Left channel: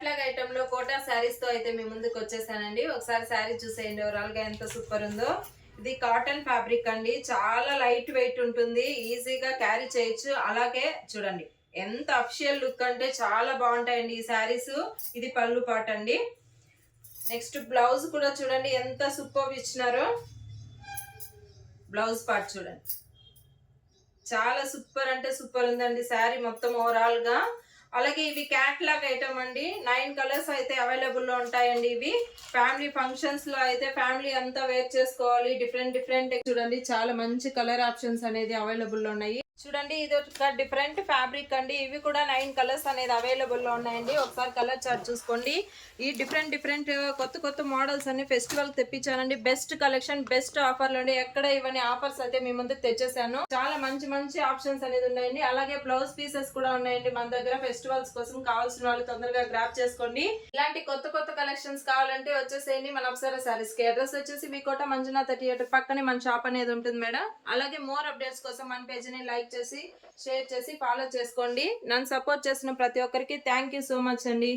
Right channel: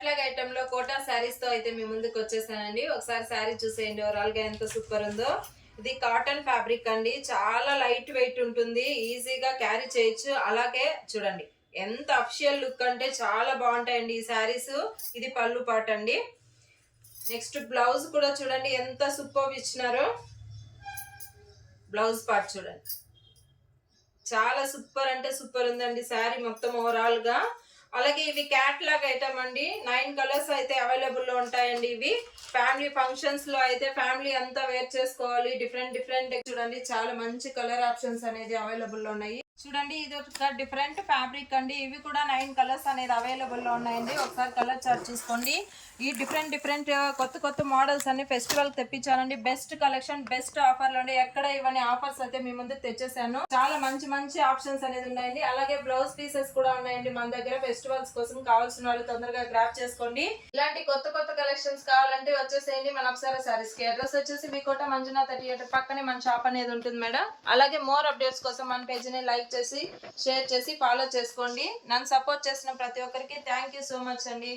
ఇట్లాగ ఐటమ్ లో కోటా శారీస్ తో అయితే మీ ముందుకు వచ్చేసానండి. ఒకసారి శారీ చూసేయండి ఓవరాల్ గా ఎంత సూపర్ ఉందో. ఇది కాటన్ ఫ్యాబ్రిక్ అండి, చాలా లైట్ వెయిట్ ఉంటుంది, ఈజీగా క్యారీ చేయొచ్చు. అలాగే చూడండి ఎంత అఫిషియల్ లుక్ అంటే చాలా బాగుంటాయండి ఈ శారీస్. ఇది పళ్ళు పాట అండి. నెక్స్ట్ బ్లౌజ్ కూడా చూడండి ఎంత సూపర్ ఇచ్చినారో. బ్లౌజ్ పార్ట్ చూడండి చాలా సూపర్ అంటే సూపర్ ఉందండి శారీ మొత్తం ఓవరాల్ గా. అలాగే ఇవి క్యాట్లాగ్ ఐటమ్ అండి. 9 కలర్స్ అయితే అవైలబుల్ లో ఉంటాయండి. ఇవి ఫ్యామిలీ ఫంక్షన్స్ లో అయితే ఫ్యామిలీ అంతా వేర్ చేసుకోవాలి. డిఫరెంట్ డిఫరెంట్ చూడండి చాలా మంచి కలర్ ఆప్షన్స్ అనేది అవైలబుల్ లో ఉన్నాయి. చూడండి ఇది ఒక డిఫరెంట్ ఫ్యాబ్రిక్ అండి. ఇవి కూడా 9 కలర్స్ అనేది అవైలబుల్ లో ఉన్నాయండి. ఒకసారి కలర్ చార్ట్ చూసుకోండి. ఈ డిఫరెంట్ డిఫరెంట్ కొత్త కొత్త మోడల్స్ అన్ని ఫెస్టివల్ తెప్పించానండి. బెస్ట్ కలెక్షన్ బెస్ట్ ఆఫర్ లోని ఎక్కడ ఇవన్నీ ఆఫర్స్ అయితే మీ ముందుకు తెచ్చేసాను. చాలా మంచి మంచి ఆప్షన్స్ అనేది ఉన్నాయండి. అలాగే బ్లౌజ్ పీసెస్ కూడా ఉన్నాయండి మన దగ్గర. ఫెస్టివల్స్ కోసం కావాల్సిన వాళ్ళు తొందరగా గ్రాప్ చేసుకోండి. ఇలాంటి కొత్త కొత్త కలెక్షన్స్ కావాలంటే వచ్చేసేయండి మన అప్సరా సారీస్ కి. అడ్రస్ వచ్చేసి మీకోట మంజునాథ థియేటర్ పక్కనే మన షాప్ అనేది ఉంటుంది మేడం. అలాగే మోర్ అప్డేట్స్ కోసం మన పేజీని లైక్ చేసి షేర్ చేసి ఫాలో చేసుకోండి. నన్ను సపోర్ట్ చేసిన ప్రతి ఒక్కరికి థ్యాంక్ యూ సో మచ్ అండి.